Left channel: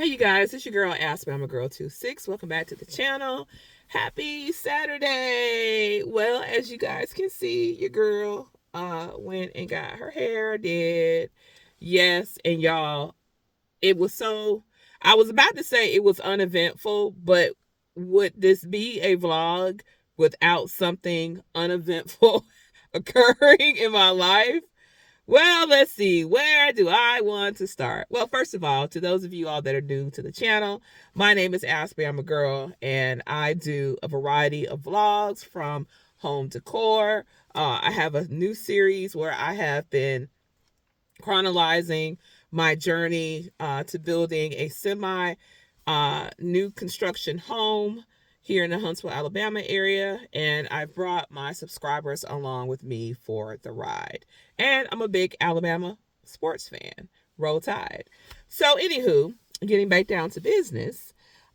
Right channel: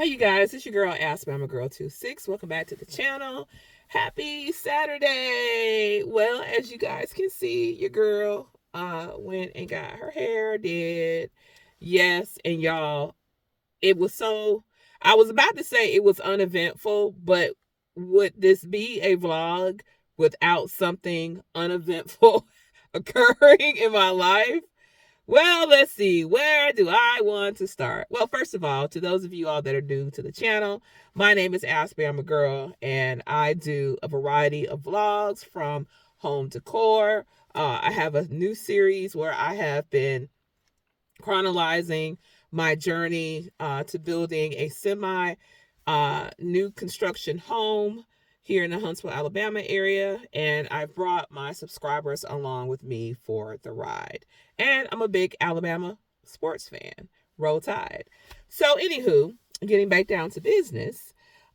Hey you guys, it's your girl Ask Me. I'm a girl 26. Welcome back to the channel. Happy Saturday. Well, as you guys can see, your girl went and got her hair did. Yes, and y'all, it was so I was about to say it was uneventful, but would this be a vlog without something uneventful occurring in my life? Well, let's see. Where do I want to start? Well, first of all, to those of you all that are new to the channel, my name is Ashley. I'm a girl, and I do a variety of vlogs from home decor. I have a new series where I have been chronicling my journey to building a semi new construction home here in the Huntsville, Alabama area, and I've brought my subscribers along with me for the ride. And I'm a big Alabama sports fan. Roll Tide. So, anywho, getting back down to business,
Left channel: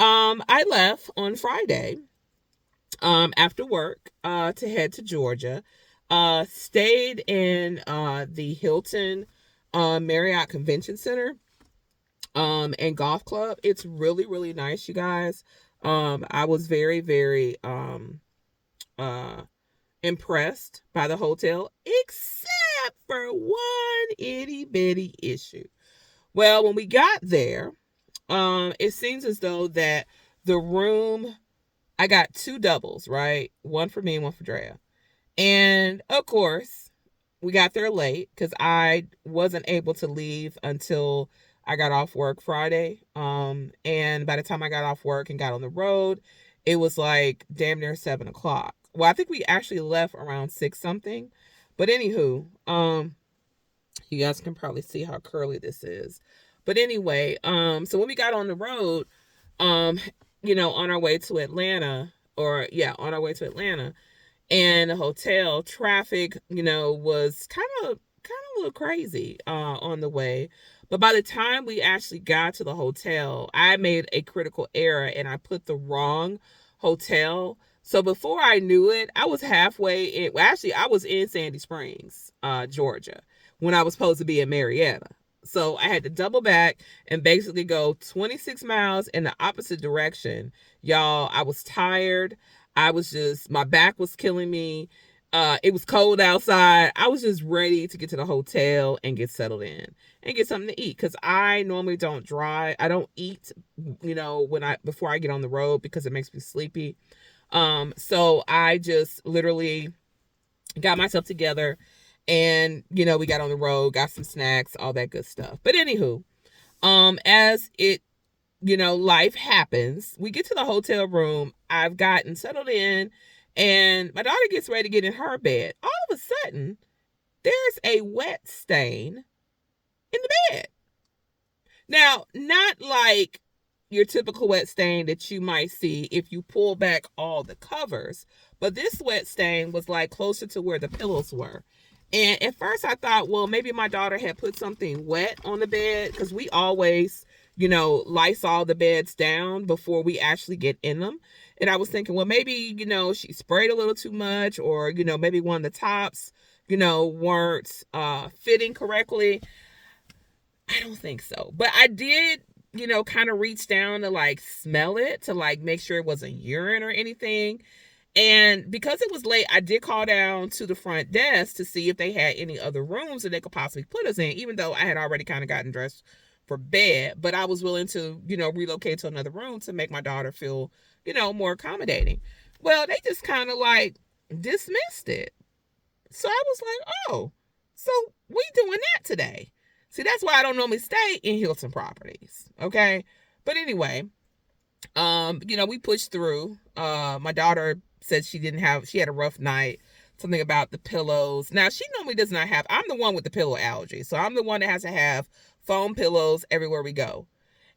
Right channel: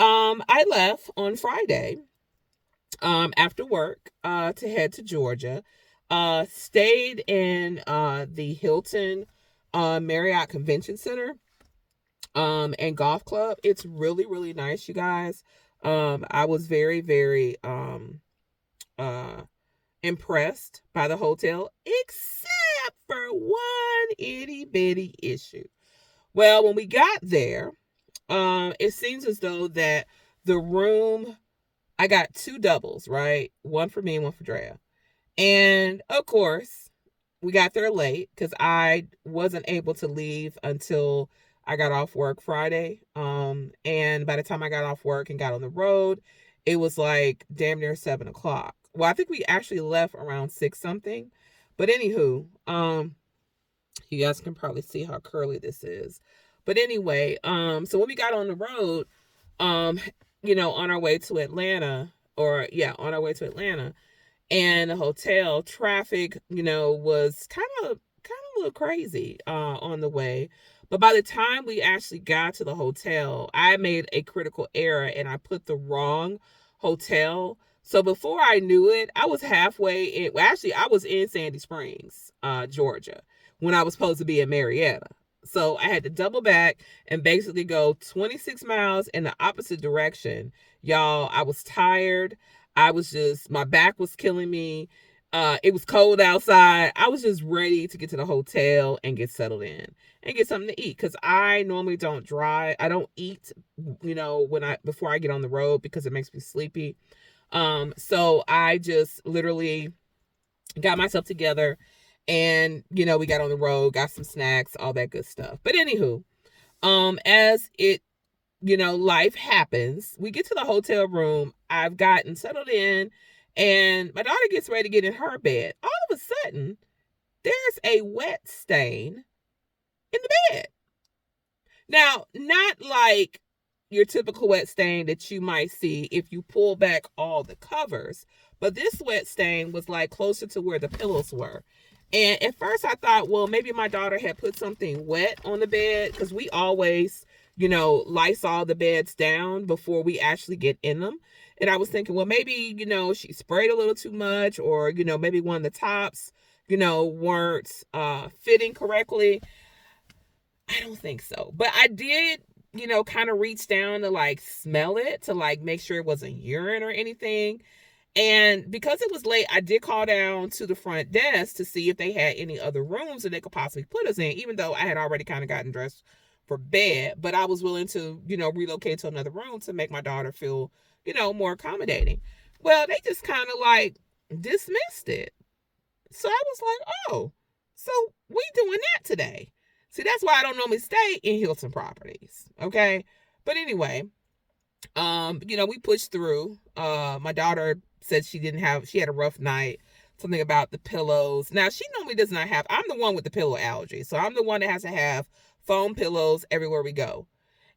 I left on Friday after work to head to Georgia. Stayed in the Hilton Marriott Convention Center and golf club. It's really, really nice, you guys. I was very, very uh impressed by the hotel, except for one itty bitty issue. Well, when we got there, it seems as though that the room, I got two doubles, right? One for me and one for Drea. And of course, we got there late because I wasn't able to leave until I got off work Friday. And by the time I got off work and got on the road, it was like damn near 7 o'clock. Well, I think we actually left around six something. But anywho, you guys can probably see how curly this is. But anyway, so when we got on the road, um, on our way to Atlanta, on our way to Atlanta, and the hotel traffic, was kind of a little crazy on the way. But by the time we actually got to the hotel, I made a critical error and I put the wrong hotel. So before I knew it, I was halfway in. Well, actually, I was in Sandy Springs, Georgia, when I was supposed to be in Marietta. So I had to double back and basically go 26 miles in the opposite direction. Y'all, I was tired. My back was killing me. It was cold outside. I was just ready to get to the hotel and get settled in and get something to eat because I normally don't drive. I don't eat, before I get on the road because it makes me sleepy. So I just literally got myself together and, we got on the road, got some snacks, all that good stuff. But anywho, as it life happens. We get to the hotel room. I've gotten settled in, and my daughter gets ready to get in her bed. All of a sudden, there's a wet stain in the bed. Now, not like your typical wet stain that you might see if you pull back all the covers, but this wet stain was like closer to where the pillows were. And at first I thought, well, maybe my daughter had put something wet on the bed because we always, Lysol the beds down before we actually get in them. And I was thinking, well, maybe, she sprayed a little too much or, maybe one of the tops, weren't fitting correctly. I don't think so. But I did, kind of reach down to like smell it to like make sure it wasn't urine or anything. And because it was late, I did call down to the front desk to see if they had any other rooms that they could possibly put us in, even though I had already kind of gotten dressed for bed. But I was willing to, relocate to another room to make my daughter feel, more accommodating. Well, they just kind of like dismissed it. So I was like, oh, so we doing that today. See, that's why I don't normally stay in Hilton properties. Okay. But anyway, we pushed through. My daughter said she had a rough night, something about the pillows. Now, she normally does not have, I'm the one with the pillow allergy. So I'm the one that has to have foam pillows everywhere we go.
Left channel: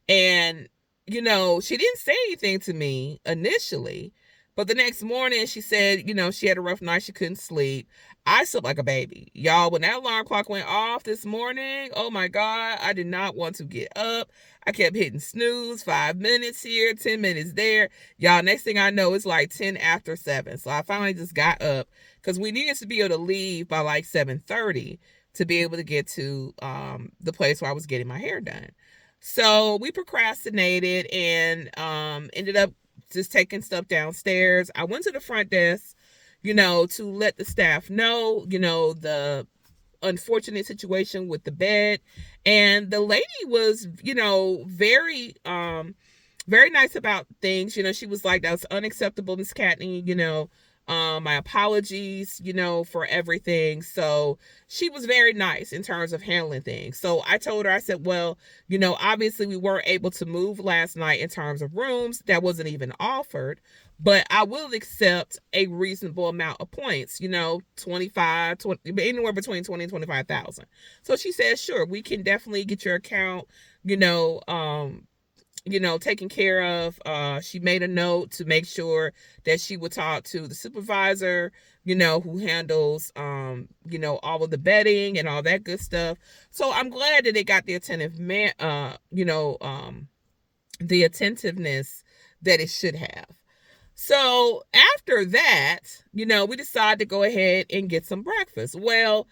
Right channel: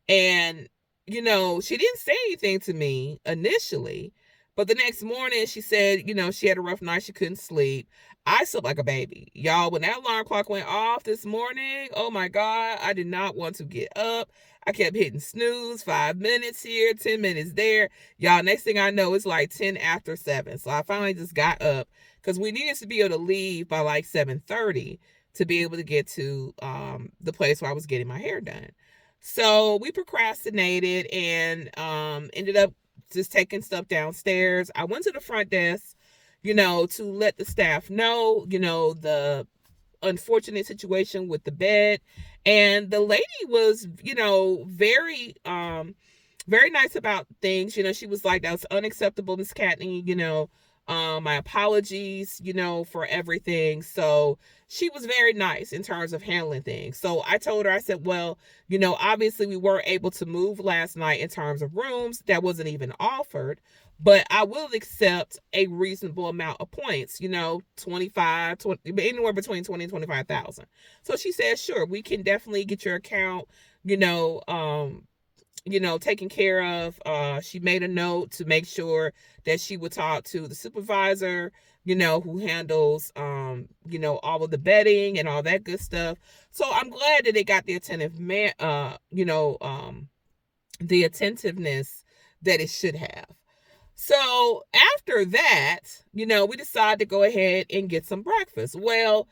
And, she didn't say anything to me initially, but the next morning she said, she had a rough night. She couldn't sleep. I slept like a baby. Y'all, when that alarm clock went off this morning, oh my God, I did not want to get up. I kept hitting snooze, 5 minutes here, 10 minutes there. Y'all, next thing I know, it's like 10 after 7. So I finally just got up because we needed to be able to leave by like 7:30 to be able to get to the place where I was getting my hair done. So we procrastinated and ended up just taking stuff downstairs. I went to the front desk, to let the staff know, the unfortunate situation with the bed. And the lady was, very nice about things. She was like, "That was unacceptable, Miss Katney, my apologies, for everything." So she was very nice in terms of handling things. So I told her, I said, "Well, obviously we weren't able to move last night in terms of rooms. That wasn't even offered. But I will accept a reasonable amount of points, 25, 20, anywhere between 20 and 25,000. So she said, "Sure, we can definitely get your account, taken care of." She made a note to make sure that she would talk to the supervisor, who handles, all of the betting and all that good stuff. So I'm glad that they got the the attentiveness that it should have. So after that, we decided to go ahead and get some breakfast. Well,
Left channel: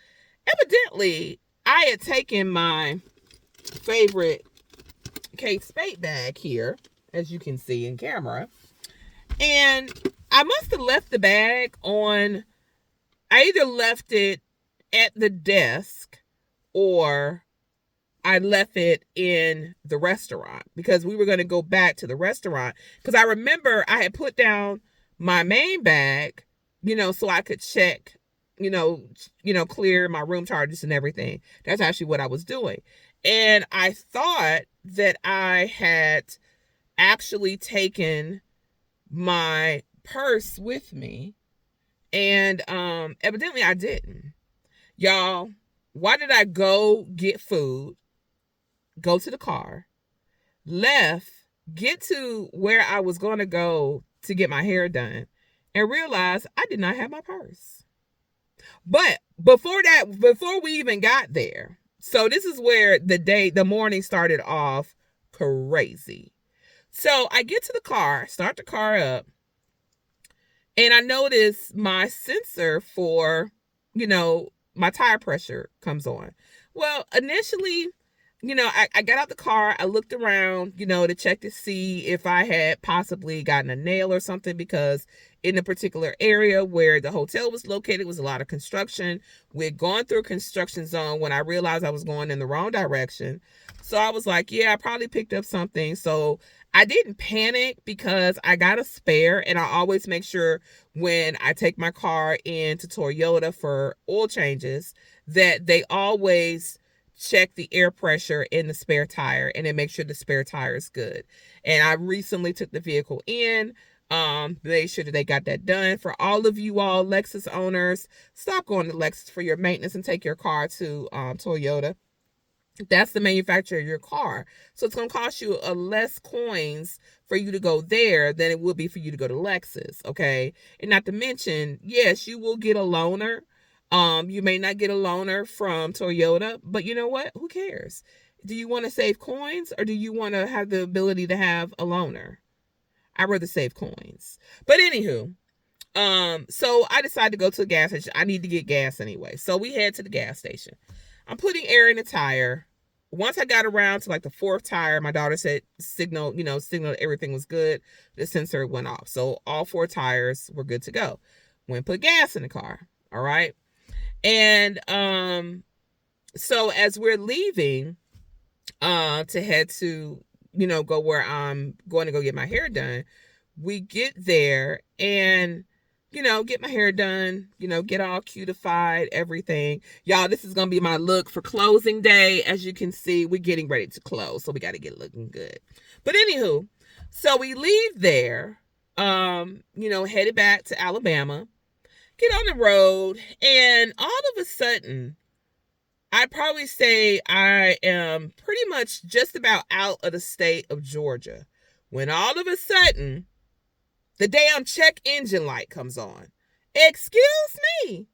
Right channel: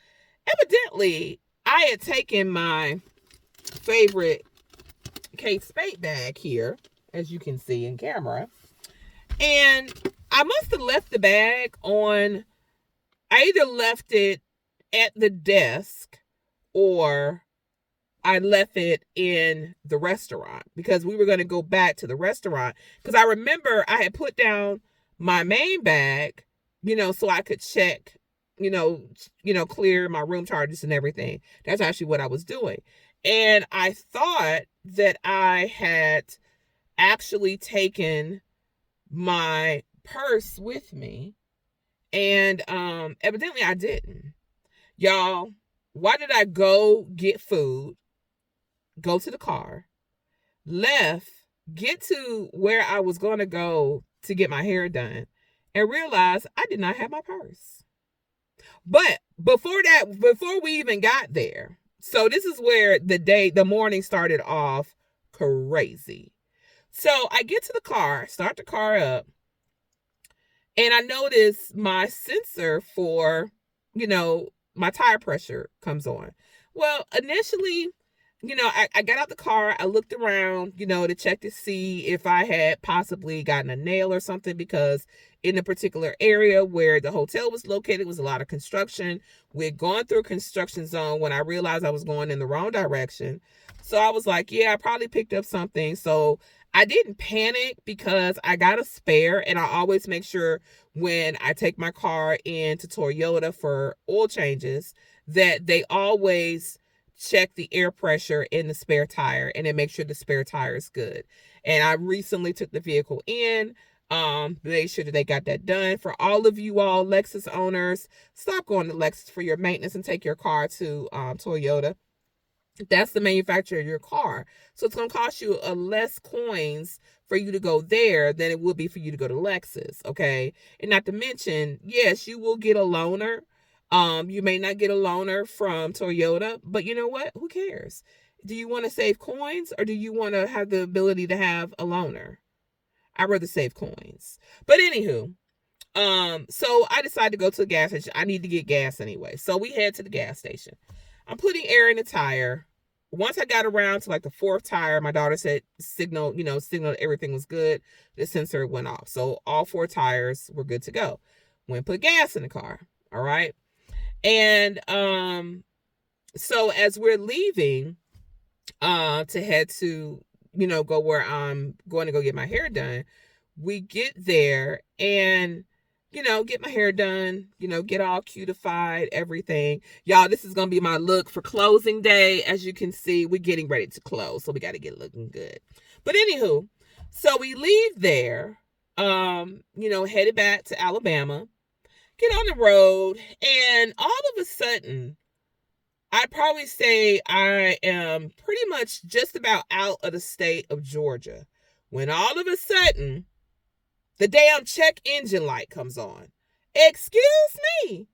evidently, I had taken my favorite Kate Spade bag here, as you can see in camera, and I must have left the bag on. I either left it at the desk or I left it in the restaurant because we were going to go back to the restaurant. Because I remember I had put down my main bag, so I could check, clear my room charges and everything. That's actually what I was doing. And I thought that I had actually taken my purse with me. And evidently I didn't. Y'all, why did I go get food, go to the car, left, get to where I was going to go to get my hair done, and realize I did not have my purse? But before we even got there, so this is where the morning started off crazy. So I get to the car, start the car up, and I notice my sensor for, my tire pressure comes on. Well, initially, I got out the car, I looked around, to check to see if I had possibly gotten a nail or something, because in the particular area where the hotel was located was a lot of construction. We'd gone through a construction zone when I realized I was going in the wrong direction. So I was like, yeah, I probably picked up something. So I didn't panic because I got a spare, and I always make sure when I take my car into Toyota for oil changes that they always check the air pressure in the spare tire and then make sure the spare tire is good. And I recently took the vehicle in, made sure that they got that done. For all of you all Lexus owners, stop going to Lexus for your maintenance and take your car to Toyota. That's the manufacturer of your car. So it's going to cost you less coins for you to go there than it would be for you to go to Lexus, okay? And not to mention, yes, you will get a loaner. You may not get a loaner from Toyota, but you know what? Who cares? Do you want to save coins or do you want to have the ability to have a loaner? I'd rather save coins. But anywho, so I decided to go to a gas station. I need to get gas anyway. So we head to the gas station. I'm putting air in the tire. Once I got around to like the fourth tire, my daughter said signal everything was good. The sensor went off. So all four tires were good to go. Went and put gas in the car. All right. And so as we're leaving to head to, go where I'm going to go get my hair done, we get there and get my hair done, get all cutified, everything. Y'all, this is going to be my look for closing day. As you can see, we're getting ready to close, so we got to get looking good. But anywho, so we leave there, headed back to Alabama, get on the road, and all of a sudden, I'd probably say I am pretty much just about out of the state of Georgia when all of a sudden, the damn check engine light comes on. Excuse me.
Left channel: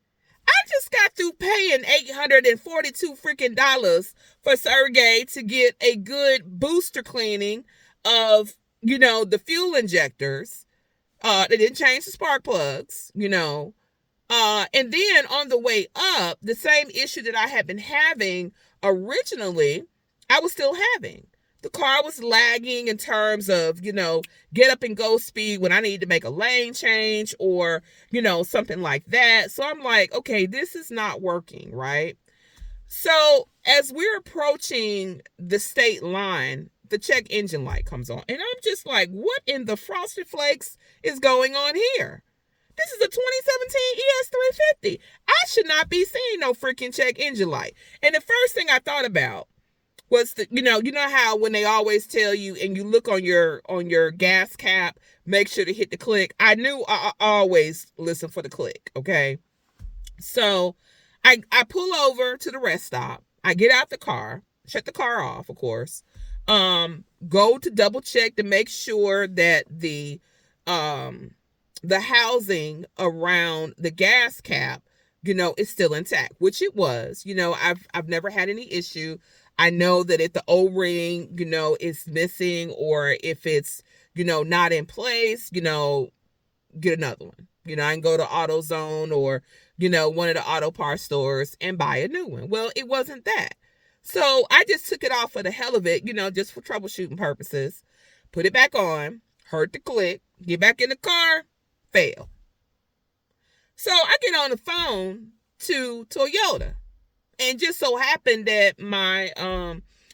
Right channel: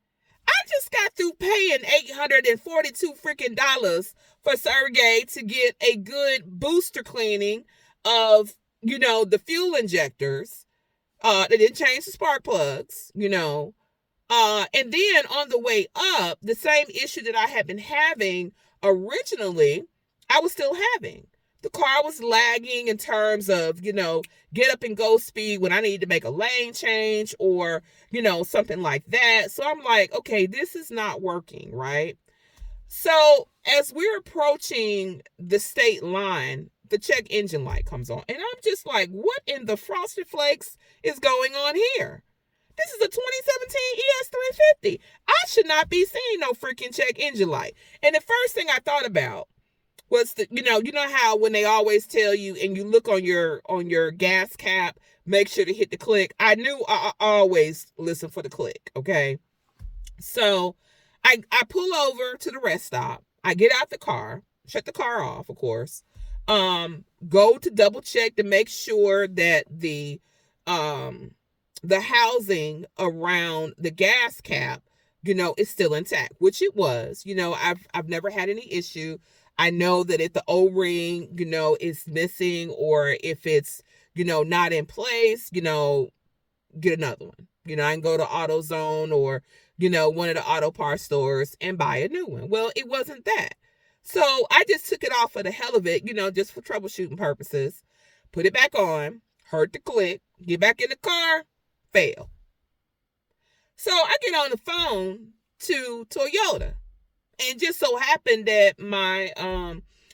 I just got through paying $842 freaking dollars for Sergei to get a good booster cleaning of, the fuel injectors. They didn't change the spark plugs, and then on the way up, the same issue that I had been having originally, I was still having. the car was lagging in terms of, get up and go speed when I need to make a lane change or, something like that. So I'm like, okay, this is not working, right? So as we're approaching the state line, the check engine light comes on. And I'm just like, what in the frosted flakes is going on here? This is a 2017 ES350. I should not be seeing no freaking check engine light. And the first thing I thought about was how when they always tell you and you look on your gas cap, make sure to hit the click. I knew I always listen for the click, okay? So I pull over to the rest stop. I get out the car, shut the car off, of course. Go to double check to make sure that the housing around the gas cap, is still intact, which it was. I've never had any issue. I know that if the O-ring, is missing or if it's, not in place, get another one. I can go to AutoZone or, one of the auto parts stores and buy a new one. Well, it wasn't that. So I just took it off for the hell of it, just for troubleshooting purposes. Put it back on, heard the click, get back in the car, fail. So I get on the phone to Toyota. And just so happened that my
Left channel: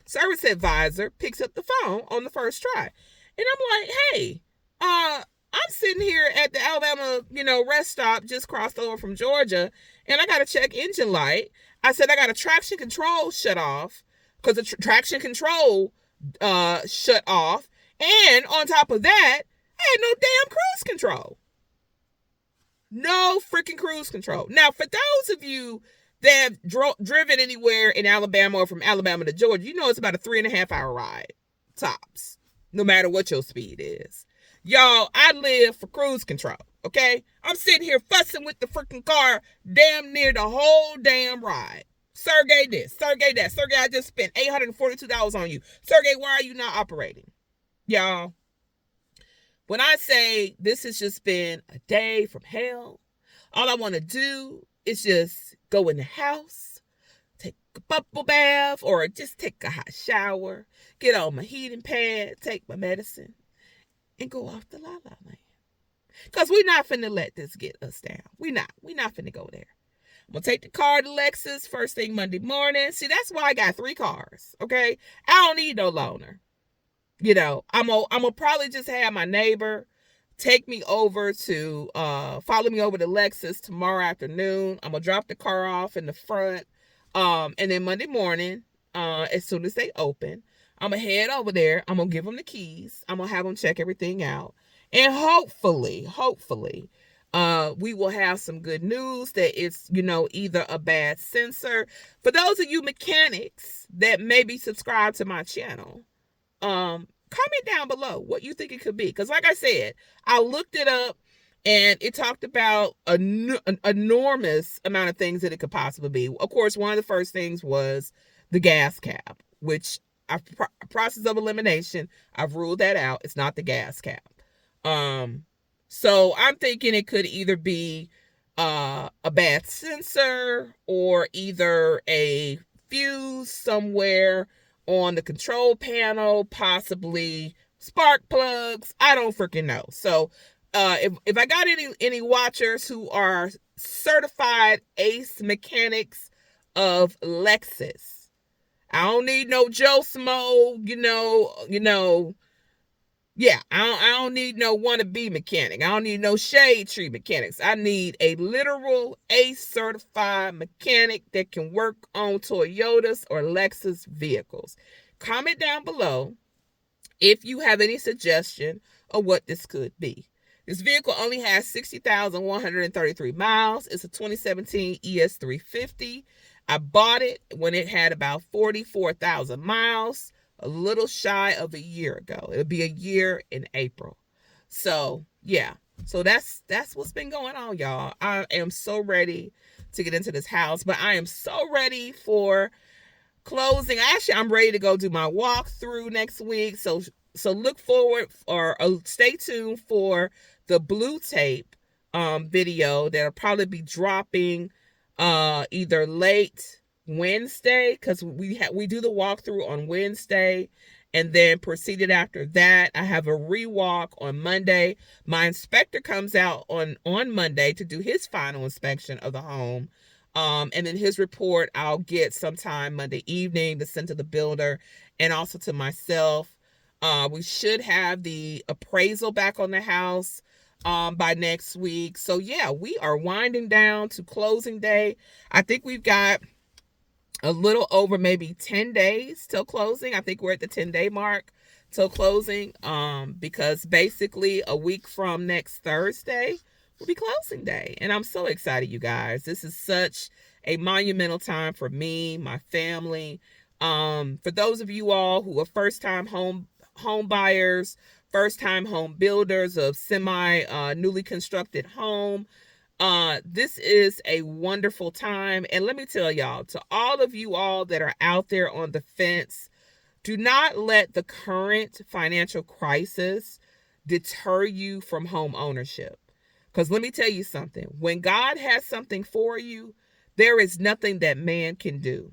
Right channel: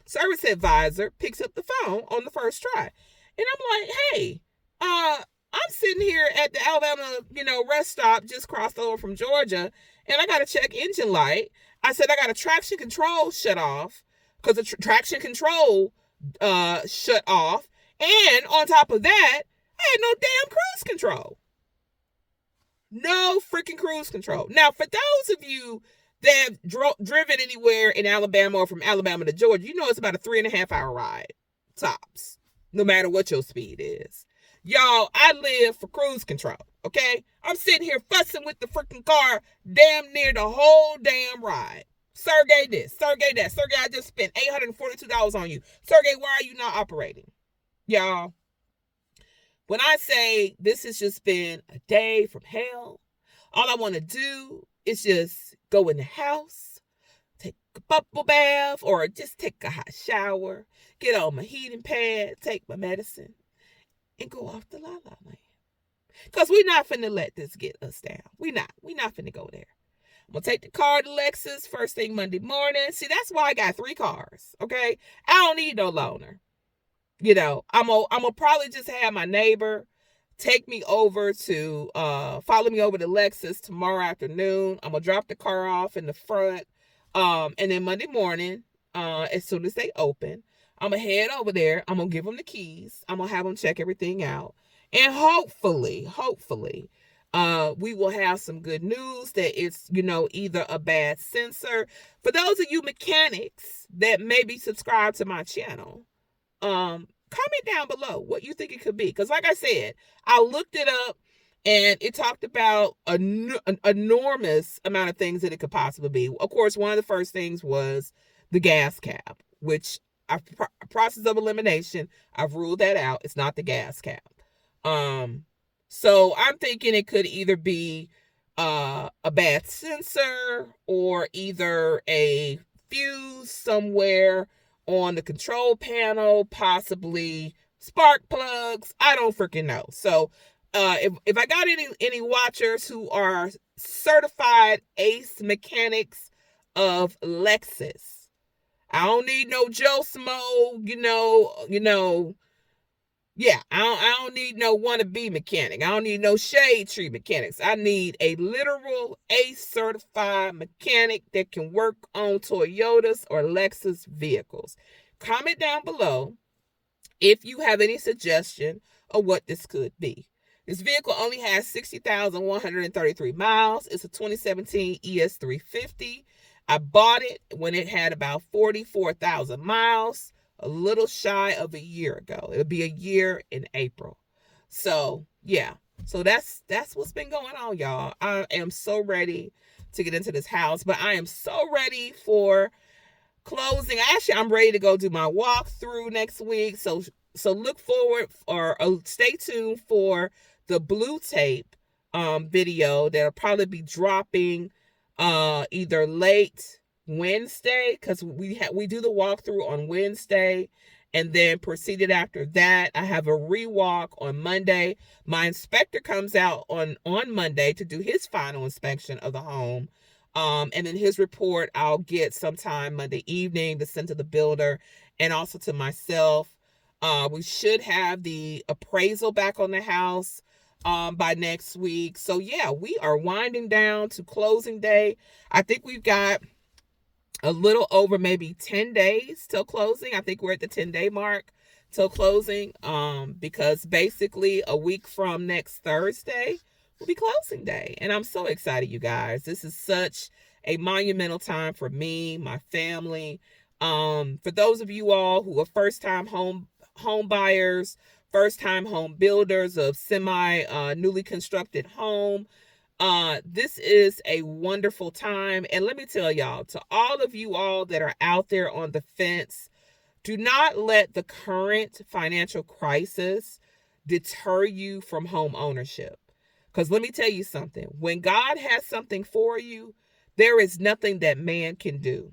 service advisor picks up the phone on the first try. And I'm like, hey, I'm sitting here at the Alabama, rest stop, just crossed over from Georgia, and I got a check engine light. I said I got a traction control shut off because the traction control shut off. And on top of that, I had no damn cruise control. No freaking cruise control. Now, for those of you that have driven anywhere in Alabama or from Alabama to Georgia, it's about a 3.5 hour ride, tops, no matter what your speed is. Y'all, I live for cruise control, okay? I'm sitting here fussing with the freaking car damn near the whole damn ride. Sergei this, Sergei that. Sergei, I just spent $842 on you. Sergei, why are you not operating? Y'all, when I say this has just been a day from hell, all I want to do is just go in the house, take a bubble bath, or just take a hot shower, get on my heating pad, take my medicine, and go off the la-la land. Because we're not finna let this get us down. We're not finna go there. I'm going to take the car to Lexus first thing Monday morning. See, that's why I got 3 cars, okay? I don't need no loaner. I'm gonna probably just have my neighbor take me over to, follow me over to Lexus tomorrow afternoon. I'm going to drop the car off in the front. And then Monday morning, as soon as they open, I'm going to head over there. I'm going to give them the keys. I'm going to have them check everything out. And hopefully, we will have some good news that it's, either a bad sensor. For those of you mechanics that maybe subscribe to my channel, comment down below what you think it could be. Because like I said, I looked it up and it talked about an enormous amount of things that it could possibly be. Of course, one of the first things was the gas cap, which process of elimination, I've ruled that out. It's not the gas cap. So I'm thinking it could either be a bad sensor or either a fuse somewhere on the control panel, possibly spark plugs. I don't freaking know. So if I got any watchers who are certified ace mechanics of Lexus, I don't need no Joe Smo, yeah, I don't need no wannabe mechanic. I don't need no shade tree mechanics. I need a literal ACE certified mechanic that can work on Toyotas or Lexus vehicles. Comment down below if you have any suggestion of what this could be. This vehicle only has 60,133 miles. It's a 2017 ES350. I bought it when it had about 44,000 miles. A little shy of a year ago. It'll be a year in April. So, yeah. So that's what's been going on, y'all. I am so ready to get into this house, but I am so ready for closing. Actually, I'm ready to go do my walkthrough next week. So look forward or stay tuned for the blue tape video that'll probably be dropping either late Wednesday, because we do the walkthrough on Wednesday, And then proceeded after that. I have a rewalk on Monday. My inspector comes out on Monday to do his final inspection of the home. And then his report I'll get sometime Monday evening to send to the builder and also to myself. We should have the appraisal back on the house by next week. So yeah, we are winding down to closing day. I think we've got a little over maybe 10 days till closing. I think we're at the 10-day mark till closing, because basically a week from next Thursday will be closing day. And I'm so excited, you guys. This is such a monumental time for me, my family. For those of you all who are first-time home buyers, first-time home builders of newly constructed home, this is a wonderful time. And let me tell y'all, to all of you all that are out there on the fence, do not let the current financial crisis deter you from home ownership. Because let me tell you something, when God has something for you, there is nothing that man can do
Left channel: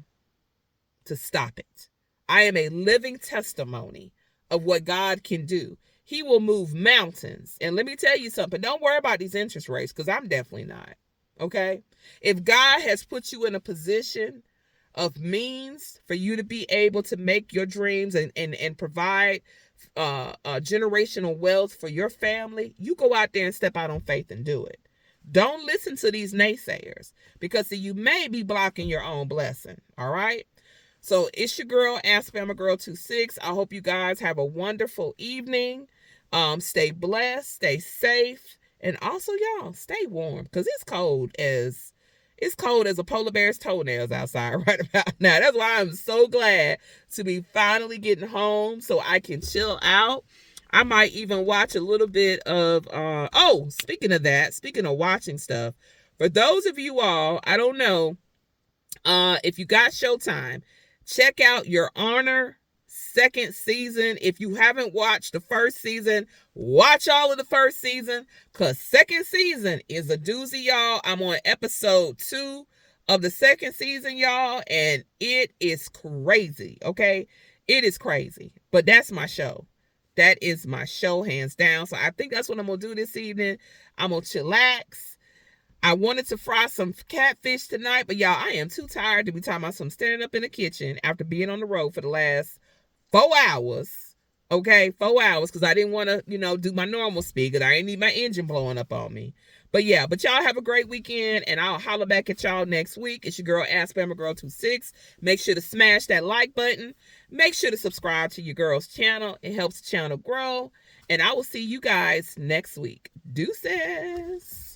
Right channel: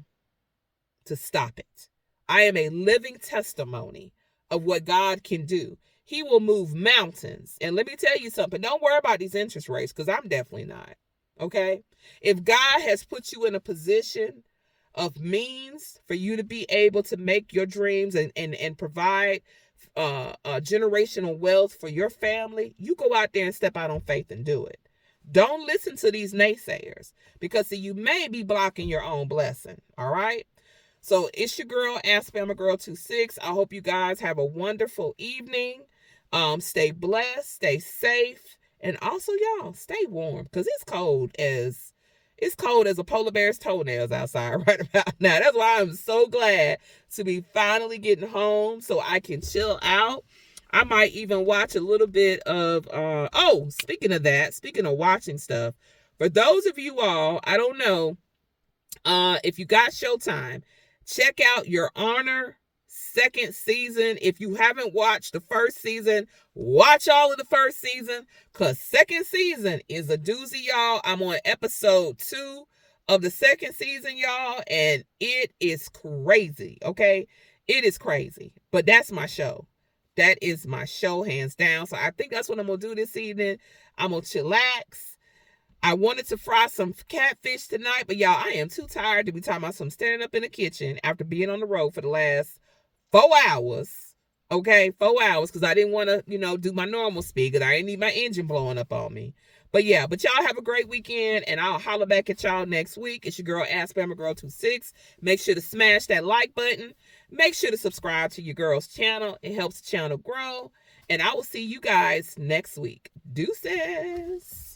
to stop it. I am a living testimony of what God can do. He will move mountains. And let me tell you something. Don't worry about these interest rates, because I'm definitely not. Okay? If God has put you in a position of means for you to be able to make your dreams and provide generational wealth for your family, you go out there and step out on faith and do it. Don't listen to these naysayers, because you may be blocking your own blessing. All right? So it's your girl, Ask Bama Girl 26. I hope you guys have a wonderful evening. Stay blessed, stay safe, and also y'all stay warm, because it's cold as a polar bear's toenails outside right about now. That's why I'm so glad to be finally getting home so I can chill out. I might even watch a little bit of speaking of watching stuff, for those of you all, I don't know if you got Showtime, check out Your Honor second season. If you haven't watched the first season, watch all of the first season, because second season is a doozy, y'all. I'm on episode 2 of the second season, y'all, and it is crazy. Okay, it is crazy, but that's my show. That is my show, hands down. So I think that's what I'm gonna do this evening. I'm gonna chillax. I wanted to fry some catfish tonight, but y'all, I am too tired to be talking about some standing up in the kitchen after being on the road for the last 4 hours. Okay, 4 hours, because I didn't want to, do my normal speed, because I didn't need my engine blowing up on me. But yeah, y'all have a great weekend, and I'll holler back at y'all next week. It's your girl, Ask Bama Girl 26. Make sure to smash that like button. Make sure to subscribe to your girl's channel. It helps the channel grow. And I will see you guys next week. Deuces.